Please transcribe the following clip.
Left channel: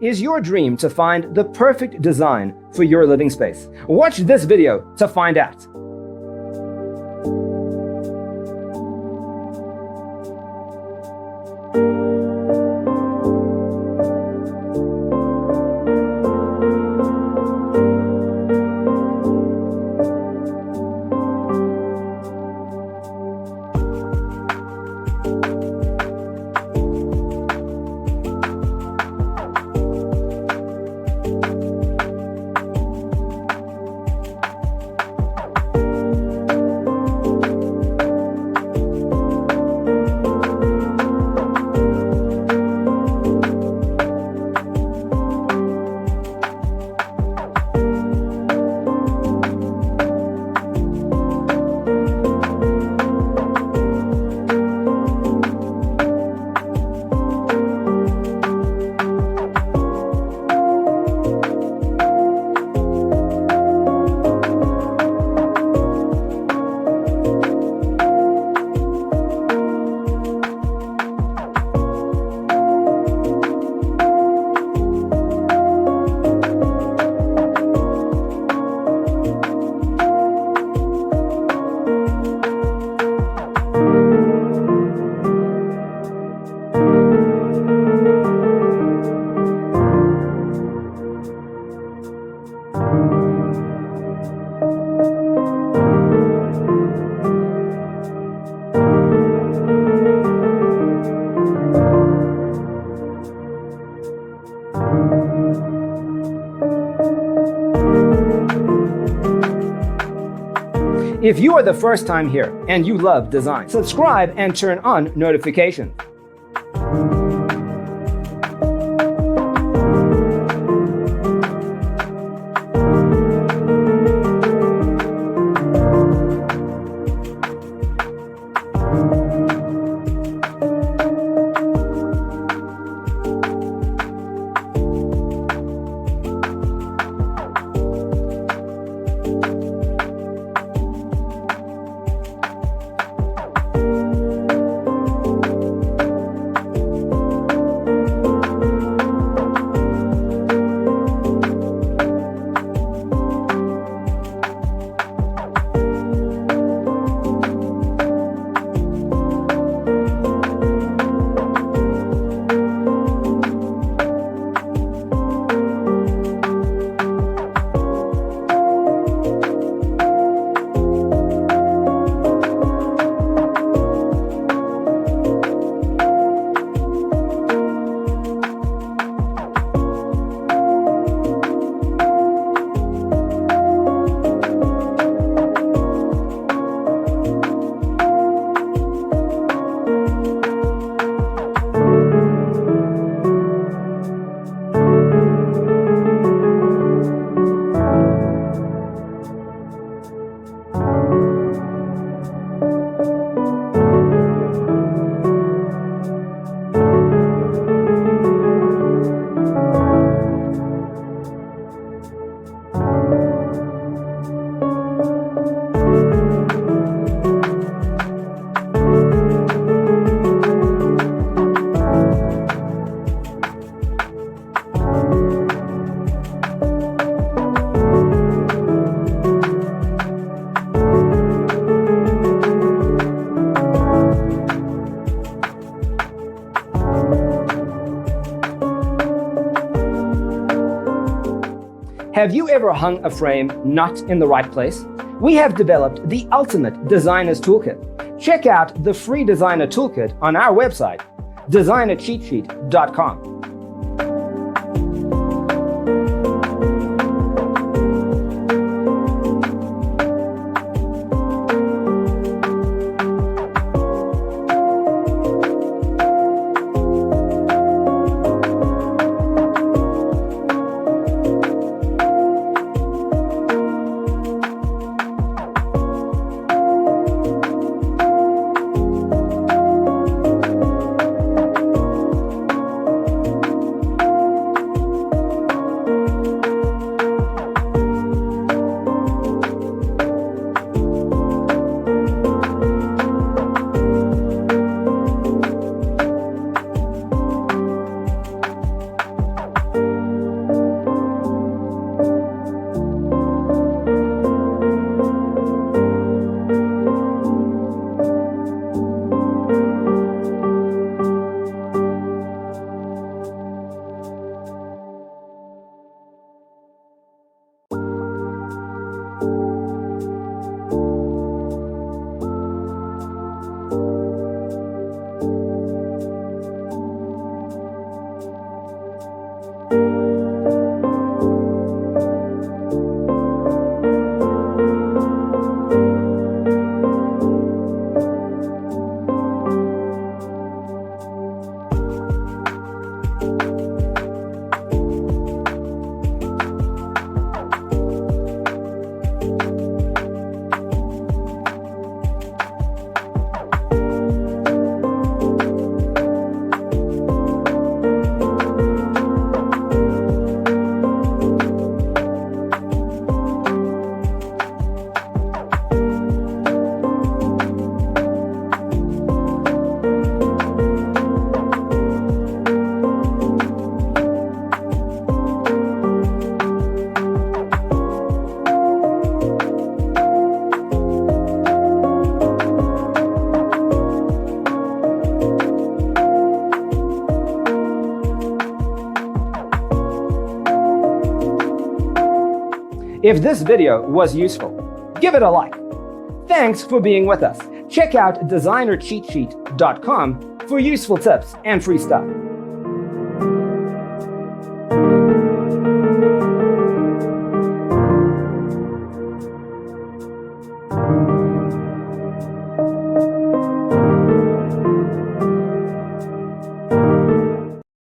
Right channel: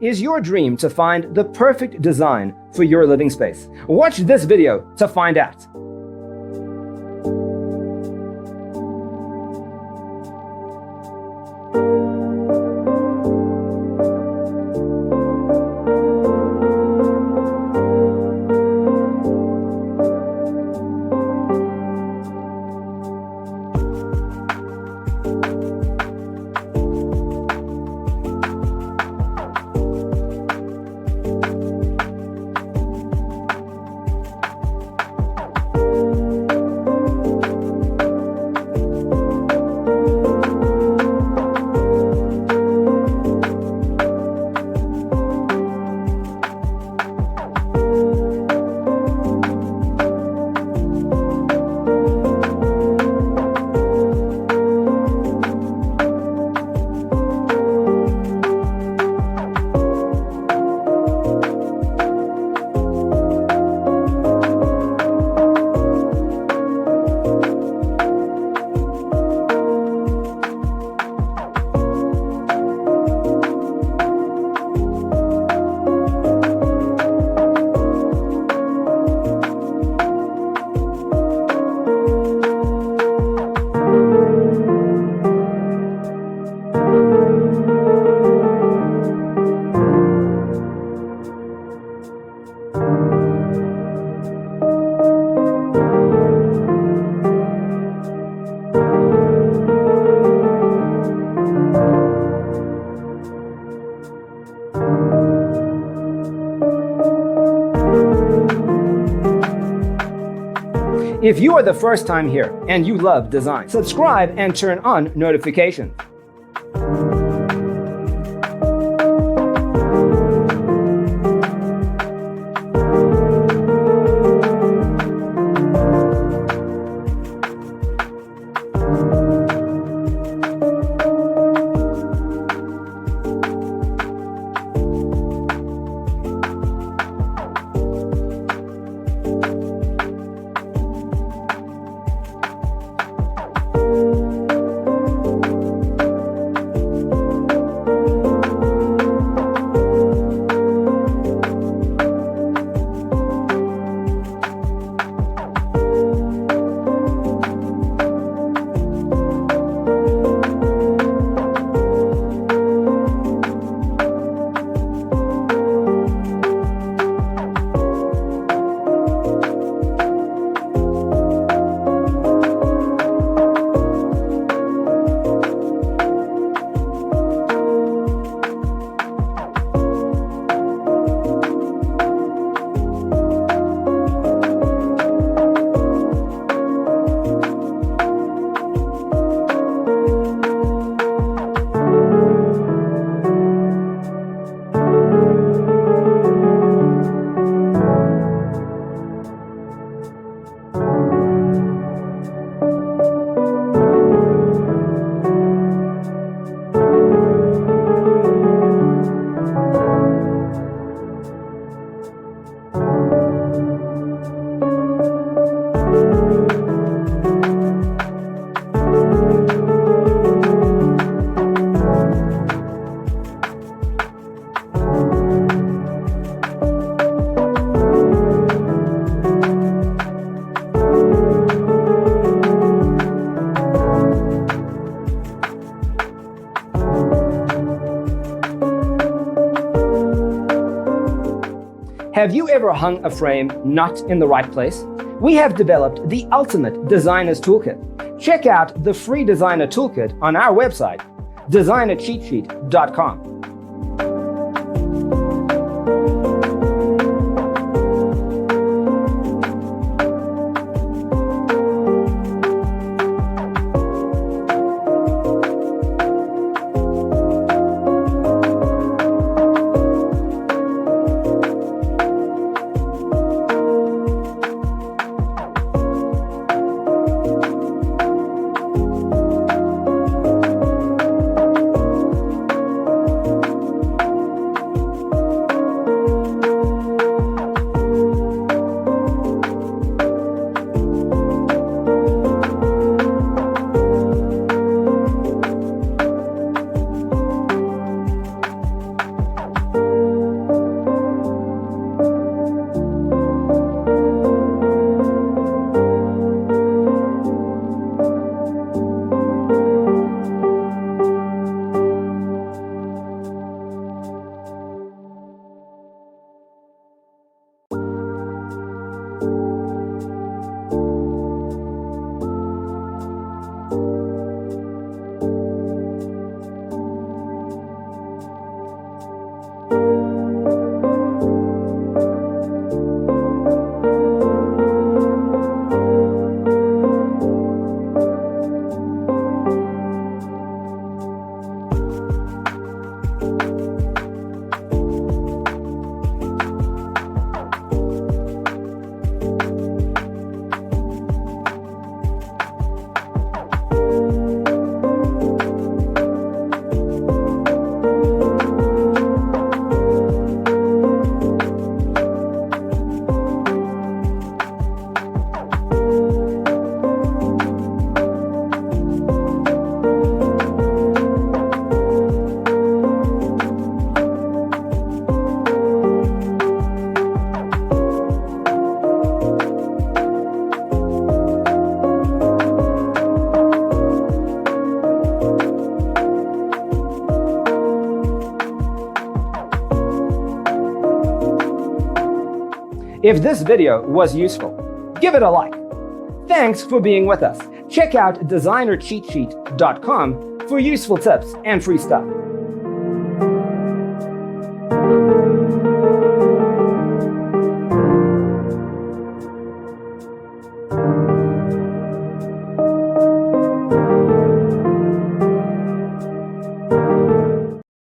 Is your dream to find the perfect design for your living space? Watch this video to find out. If you are the first time here and you love design, subscribe and turn on notifications. Have you ever hung a frame not in the right place? We have developed the ultimate designer's toolkit. Check out the free designer toolkit on our website, designercheatsheet.com. If this video was useful, give it a like. Thanks for being with us. Check out designercheatsheet.com for useful tips and free stuff.